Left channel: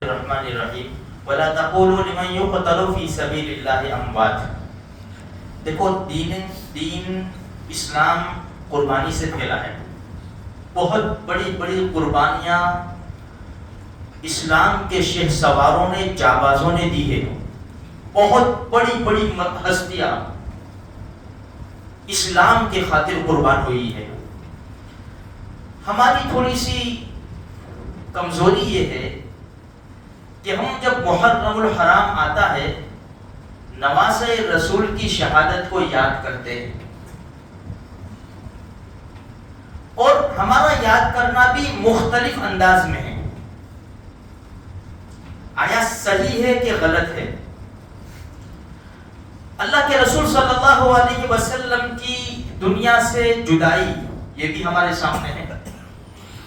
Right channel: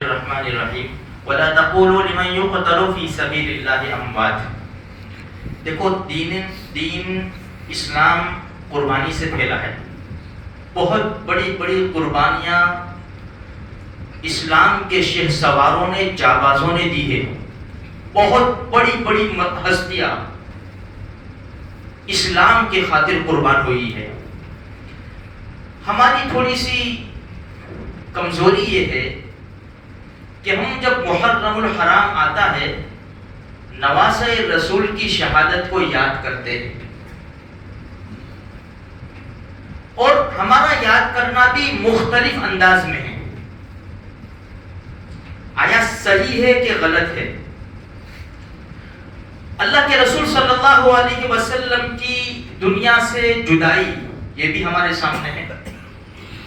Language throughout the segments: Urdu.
الرحمن الرحیم ولا تقولوا لمن يقتل في سبيل الله اموات. دیکھو دین اسلام قربانی سے پھیلا ہے. بہت بڑی بڑی قربانیاں اسلام کے شہ سواروں نے جابازوں نے دی ہے. بہت بڑی بڑی ہستیاں اسلام کے خاطر قربان ہوئی ہے. ہماری تھوڑی سی کمزوری یہ ہے کہ ہم جب محرم الحرام آتا ہے نواسۂ رسول کی شہادت کو یاد کرتے ہیں، اور ہمارا یاد کرنا بھی مختلف انداز میں ہے. آیا صحیح ہے کہ غلط ہے؟ اللہ کے رسول صلی اللہ علیہ وسلم کی دنیا سے جدائی یہ بھی ہمارے سامنے ہے.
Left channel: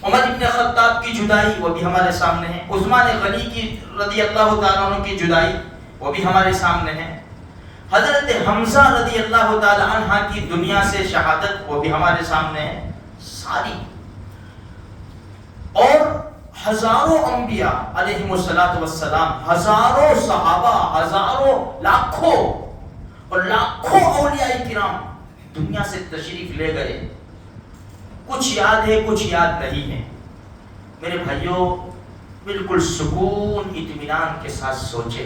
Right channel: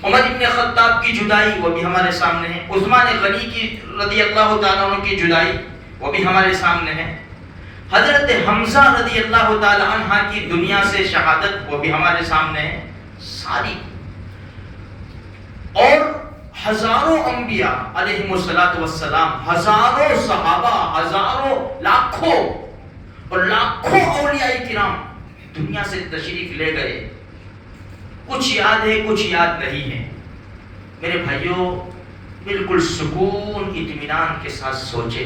عمر ابن خطاب کی جدائی وہ بھی ہمارے سامنے ہے. عثمان غنی کی رضی اللہ تعالیٰ عنہ کی جدائی وہ بھی ہمارے سامنے ہے. حضرت حمزہ رضی اللہ تعالیٰ عنہ کی دنیا سے شہادت وہ بھی ہمارے سامنے ہے. ساری اور ہزاروں انبیاء علیہم السلام، ہزاروں صحابہ، ہزاروں لاکھوں اور لاکھوں اولیاء کرام دنیا سے تشریف لے گئے. کچھ یاد ہے کچھ یاد نہیں ہے. میرے بھائیوں بالکل سکون اطمینان کے ساتھ سوچے،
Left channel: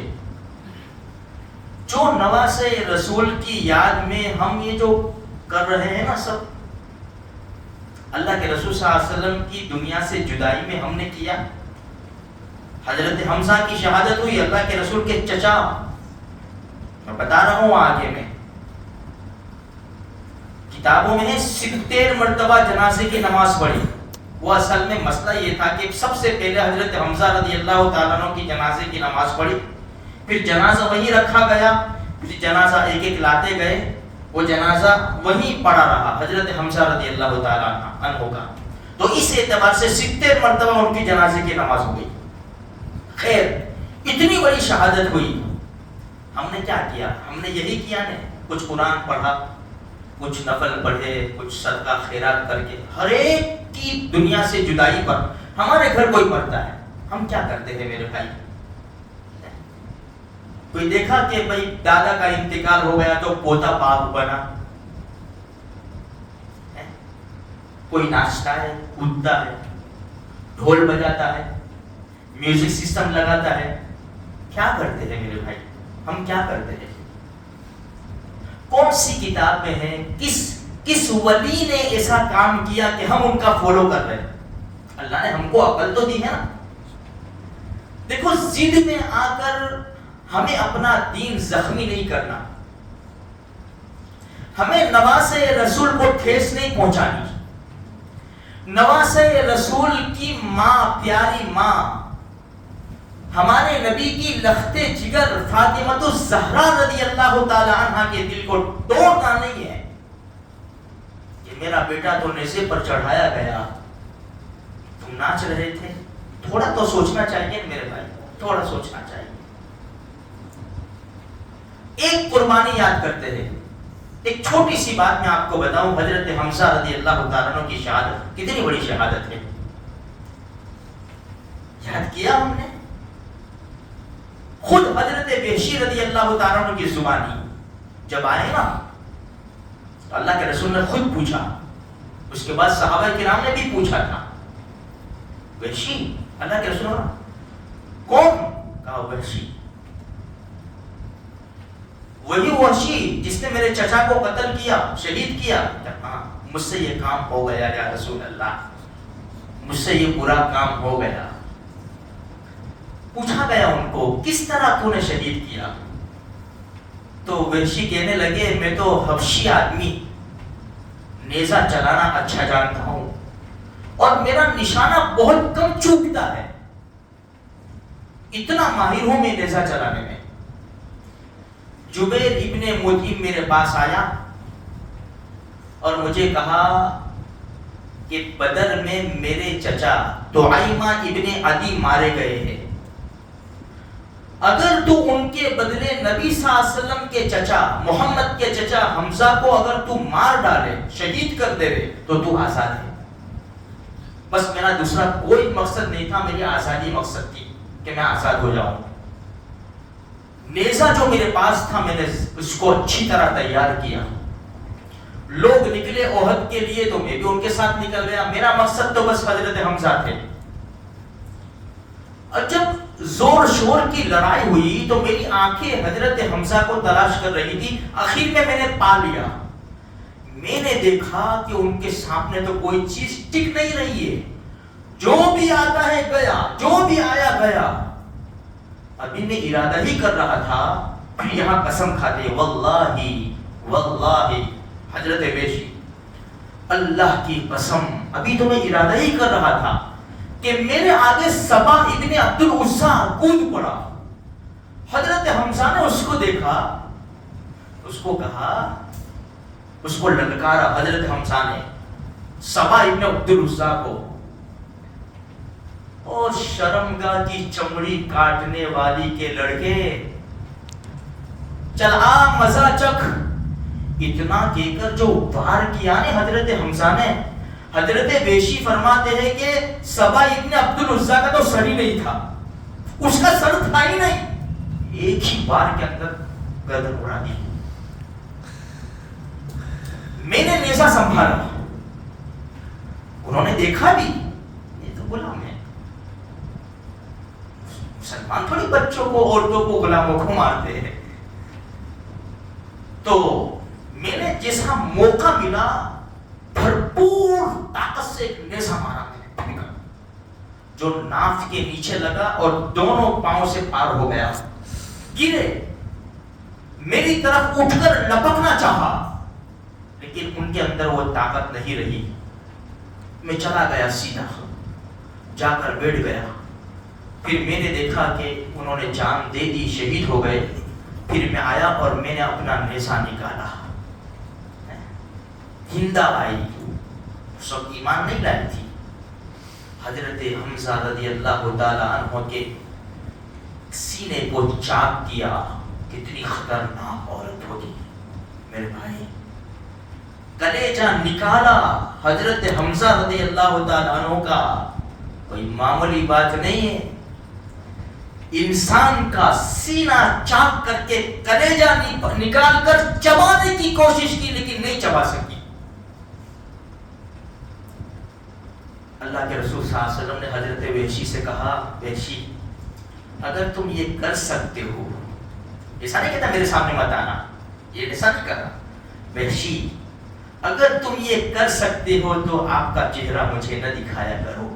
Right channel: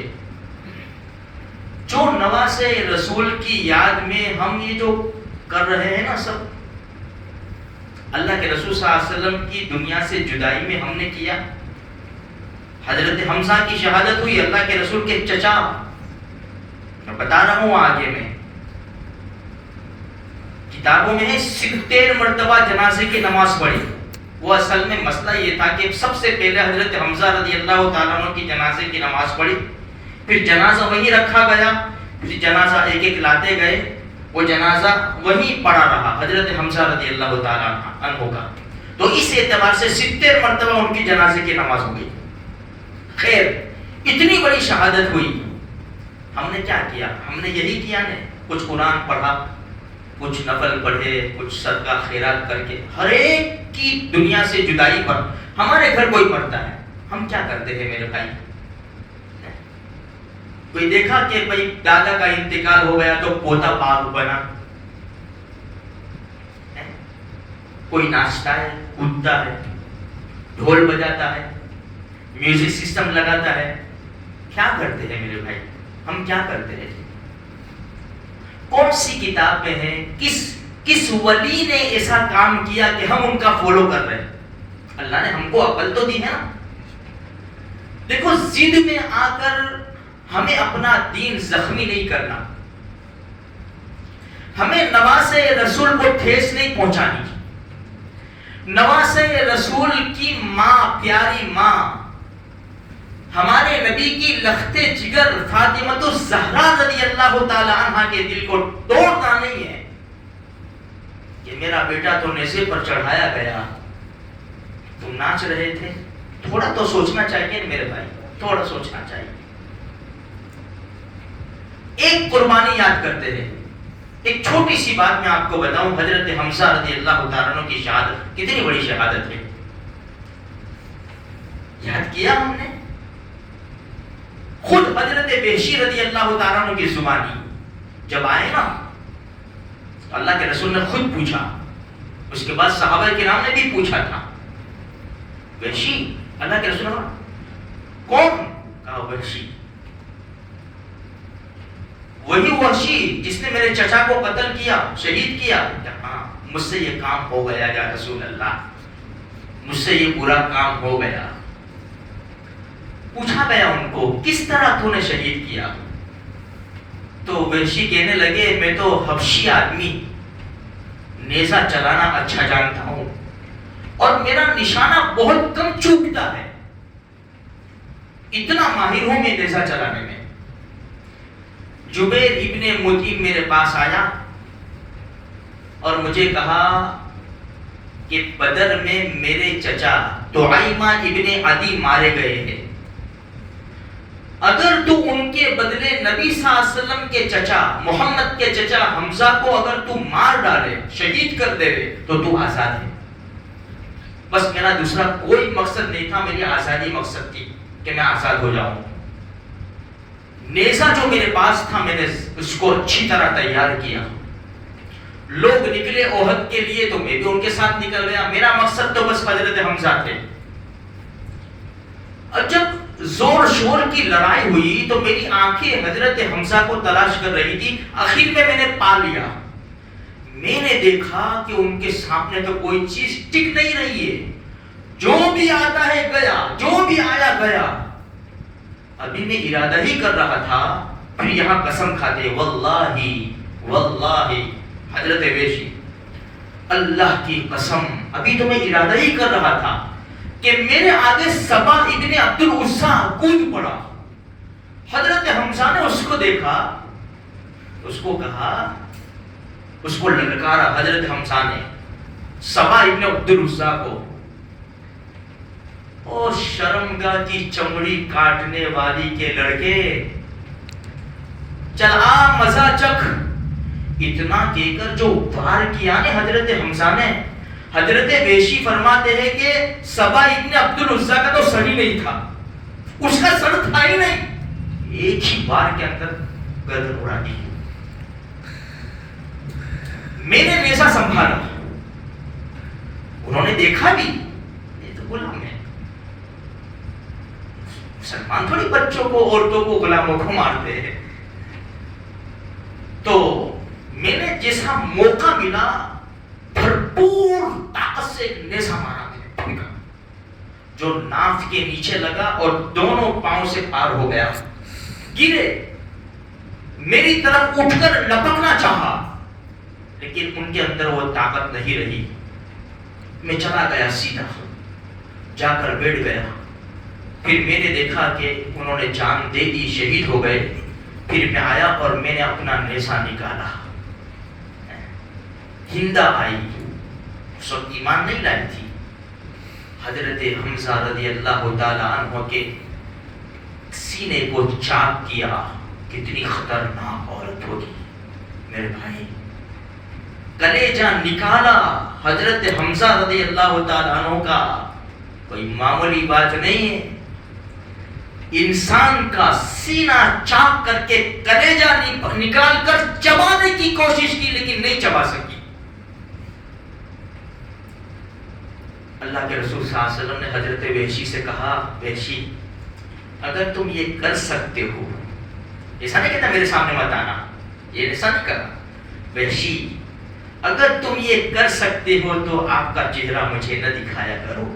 جو نواسۂ رسول کی یاد میں ہم یہ جو کر رہے ہیں نا سب، اللہ کے رسول صلی اللہ علیہ وسلم کی دنیا سے جدائی میں ہم نے کیا. حضرت حمزہ کی شہادت ہوئی، اللہ کے رسول کے چچا، میں بتا رہا ہوں آگے میں کتابوں میں 70 مرتبہ جنازے کی نماز پڑھی. وہ اصل میں مسئلہ یہ تھا کہ سب سے پہلے حضرت حمزہ رضی اللہ تعالیٰ عنہ کی جنازے کی نماز پڑھی، پھر جنازہ وہیں رکھا گیا، پھر جنازہ ایک ایک لاتے گئے، وہ جنازہ وہیں پڑا رہا حضرت حمزہ رضی اللہ تعالیٰ عنہ کا. تو اس اعتبار سے 70 مرتبہ ان کی جنازے کی نماز ہوئی. خیر، اتنی بڑی شہادت ہوئی. ہم نے کیا کیا؟ ہم نے یہی کیا نا، کچھ قرآن پڑھا، کچھ نفل پڑھے، کچھ صدقہ خیرات کر کے. ہر ایک کی دنیا سے جدائی پر ہمارے گھر کوئی پڑھتا ہے، ہم کیا کرتے ہیں میرے بھائی؟ کوئی دیکھا کہ بھائی دادا کا انتقال ہو گیا تو پوتا پاک بنا؟ کوئی ناچتا ہے، کودتا ہے، ڈھول بجاتا ہے، میوزک سسٹم لگاتا ہے. کیا کرتے ہیں میرے بھائی؟ ہم کیا کرتے ہیں؟ کون سی کتاب میں ہے، کس ولی نے ایسا کام کیا کہ ہم ان کا فالو کر رہے ہیں؟ اللہ نے ہم کو عقل تو دی ہے نا. دیکھو، ضد میں آ کر ہمیں اپنا دین زخمی نہیں کرنا، ہمیں نواسۂ رسول کو ٹھیس نہیں پہنچانی. نواسۂ رسول کی ماں، پیاری ماں، ہمارے نبی کی لخت جگر فاطمہ الزہرا رضی اللہ تعالی عنہ کے دل کو توڑنا نہیں ہے کہ میرا بیٹا تو نیزے پر چڑھایا گیا، تم ناچ رہے تھے. تھوڑا تو سوچنا چاہیے میرے بھائی، تھوڑا سوچنا چاہیے. ایک قربانی یاد کرتے ہیں. ایک چھوٹی سی بات میں آپ کو بتاؤں، حضرت حمزہ رضی اللہ تعالیٰ عنہ کی شہادت کتنی بڑی شہادت ہے. یاد کیا ہم نے؟ خود حضرت وحشی رضی اللہ تعالیٰ عنہ کی زبانی جب آئے نا، اللہ کے رسول نے خود پوچھا، اس کے بعد صحابہ کرام نے بھی پوچھا تھا، وحشی، اللہ کے رسول نے کون؟ کہا وحشی. وہی وحشی جس نے میرے چچا کو قتل کیا، شہید کیا. ہاں، مجھ سے یہ کام ہو گیا یا رسول اللہ، مجھ سے یہ برا کام ہو گیا. پوچھا گیا ان کو، کس طرح تو نے شہید کیا؟ تو وحشی کہنے لگے، میں تو حبشی آدمی، نیزہ چلانا اچھا جانتا ہوں اور میرا نشانہ بہت کم چوکتا ہے، اتنا ماہر ہوں میں نیزہ چلانے میں. جبیر ابن مطعم میرے پاس آیا اور مجھے کہا کہ بدر میں میرے چچا طعیمہ ابن عدی مارے گئے ہیں، اگر تو ان کے بدلے نبی صلی اللہ علیہ وسلم کے چچا، محمد کے چچا حمزہ کو اگر تو مار ڈالے، شہید کر دے تو آزاد ہے. بس میرا دوسرا کوئی مقصد نہیں تھا، میری آزادی مقصد تھی. کہ میں آزاد ہو جاؤں. نیزہ جو میرے پاس تھا میں نے اس کو اچھی طرح تیار کیا. لوگ نکلے احد کے لیے تو میں بھی ان کے ساتھ نکل گیا. میرا مقصد تو بس حضرت حمزہ تھے. اور جب زور شور کی لڑائی ہوئی تو میری آنکھیں حضرت حمزہ کو تلاش کر رہی تھی. آخر میں نے پا لیا. میں نے دیکھا کہ ان کے سامنے تو کوئی چیز ٹک نہیں رہی ہے. جو بھی آتا ہے گیا, جو بھی آیا گیا. ابھی میں ارادہ ہی کر رہا تھا, پھر یہاں قسم کھاتے واللہ واللہ حضرت ویشی اللہ کی قسم, ابھی تو میں ارادہ ہی کر رہا تھا کہ میرے آگے سبا ابن عبد العزا کود پڑا. حضرت حمزہ نے اس کو دیکھا, اس کو کہا, اس کو للکارا حضرت حمزہ نے سبا ابن عبد العزا کو. او شرمگاہ کی چمڑی کاٹنے والی کے لڑکے, چل آ مزہ چکھ. اتنا کہہ کر جو وار کیا نے حضرت حمزہ نے, حضرت ویشی فرماتے ہیں کہ سبا ابن عبد العزا کا تو سر ہی نہیں تھا, اس کا سر تھا ہی نہیں. ایک ہی بار کے اندر گردن اڑا دی. میں نے نیزہ سنبھالا, انہوں نے دیکھا بھی, یہ تو غلام ہے. مسلمان تھوڑی بچوں کو, عورتوں کو, غلاموں کو مارتے ہیں. تو میں نے جیسا موقع ملا بھرپور طاقت سے نیزہ مارا, میں نے پھینکا, جو ناف کے نیچے لگا اور دونوں پاؤں سے پار ہو گیا. گرے, میری طرف اٹھ کر لپکنا چاہا, لیکن ان کے اندر وہ طاقت نہیں رہی. میں چلا گیا, سیدھا جا کر بیٹھ گیا. پھر میں نے دیکھا کہ انہوں نے جان دے دی, شہید ہو گئے. پھر میں آیا اور میں نے اپنا نیزہ نکالا. ہندا آئی, اس وقت ایمان نہیں لائی تھی. حضرت حمزہ رضی اللہ تعالی عنہ کے سینے کو چاک کیا. کتنی خطرناک عورت ہوگی میرے بھائی. کلیجہ نکالا حضرت حمزہ رضی اللہ تعالی عنہ کا, کوئی معمولی بات نہیں ہے. انسان کا سینہ چاک کر کے کلیجہ نکال کر چبانے کی کوشش کی, لیکن نہیں چبا سکی. اللہ کے رسول صلی اللہ علیہ وسلم نے حضرت وحشی سے کہا, وحشی اگر تم یہ کر سکتے ہو, ایسا نہیں کہتا میرے سامنے مت آنا, یہ ایسا نہیں کرا. وحشی اگر تم یہ کر سکتے ہو تو آپ کا چہرہ مجھے نہ دکھایا کرو,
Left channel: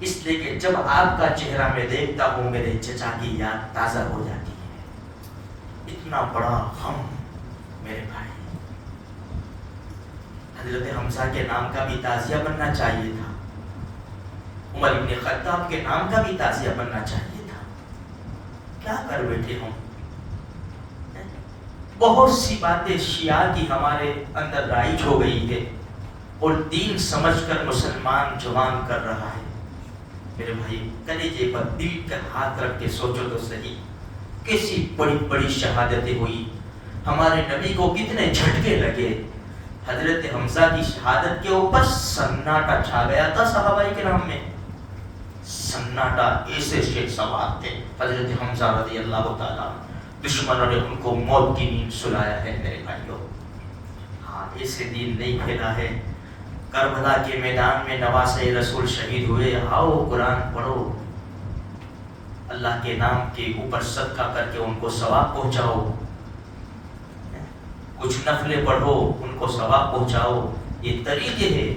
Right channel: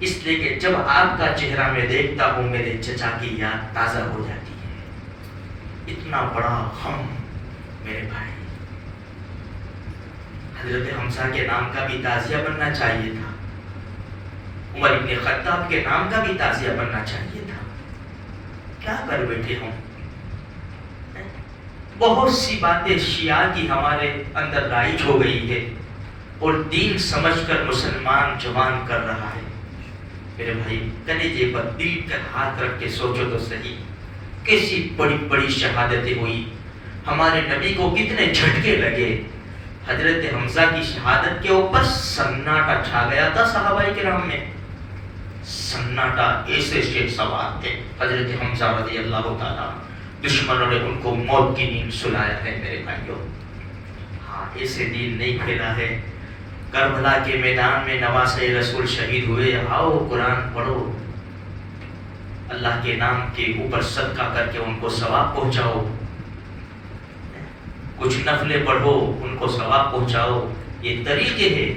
اس لیے کہ جب آپ کا چہرہ میں دیکھتا ہوں میرے چچا کی یاد تازہ ہو جاتی ہے. اتنا بڑا غم میرے بھائی. حضرت حمزہ کے نام کا بھی تازیہ بننا چاہیے تھا, عمر ابن خطاب کے نام کا بھی تازیہ بننا چاہیے تھا. کیا کر بیٹھے ہوں. بہت سی باتیں شیعہ کی ہمارے اندر رائج ہو گئی ہے, اور دین سمجھ کر مسلمان جوان کر رہا ہے. میرے بھائی کلیجے پر دل کا ہاتھ رکھ کے سوچو تو صحیح, کیسی بڑی بڑی شہادتیں ہوئی. ہمارے نبی کو کتنے جھٹکے لگے. حضرت حمزہ کی شہادت کے اوپر سناٹا چھا گیا تھا صحابہ کرام میں. سناٹا, ایسے شیخ سوار تھے حضرت حمزہ رضی اللہ تعالیٰ. دشمنوں نے ان کو موت کی نیند سلایا ہے میرے بھائیوں. ہاں, ایسے دین نہیں پھیلا ہے. کربلا کے میدان میں نواسے رسول شہید ہوئے. آؤ قرآن پڑھو, اللہ کے نام کے اوپر صدقہ کر کے ان کو ثواب پہنچاؤ. کچھ نفلیں پڑھو, ان کو ثواب پہنچاؤ. یہ طریقے ہیں.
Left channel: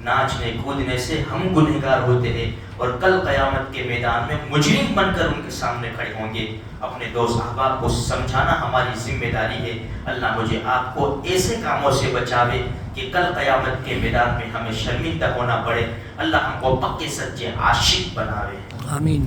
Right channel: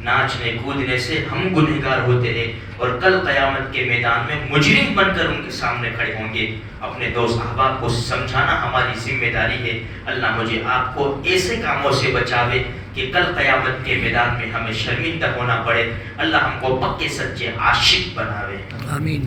ناچنے کودنے سے ہم گنہگار ہوتے ہیں, اور کل قیامت کے میدان میں مجرم بن کر ان کے سامنے کھڑے ہوں گے. اپنے دوست احباب کو سمجھانا ہماری ذمہ داری ہے. اللہ مجھے آپ کو ایسے کاموں سے بچاوے کہ کل قیامت کے میدان میں ہمیں شرمندہ ہونا پڑے. اللہ ہم کو پکے سچے عاشق بناوے. آمین.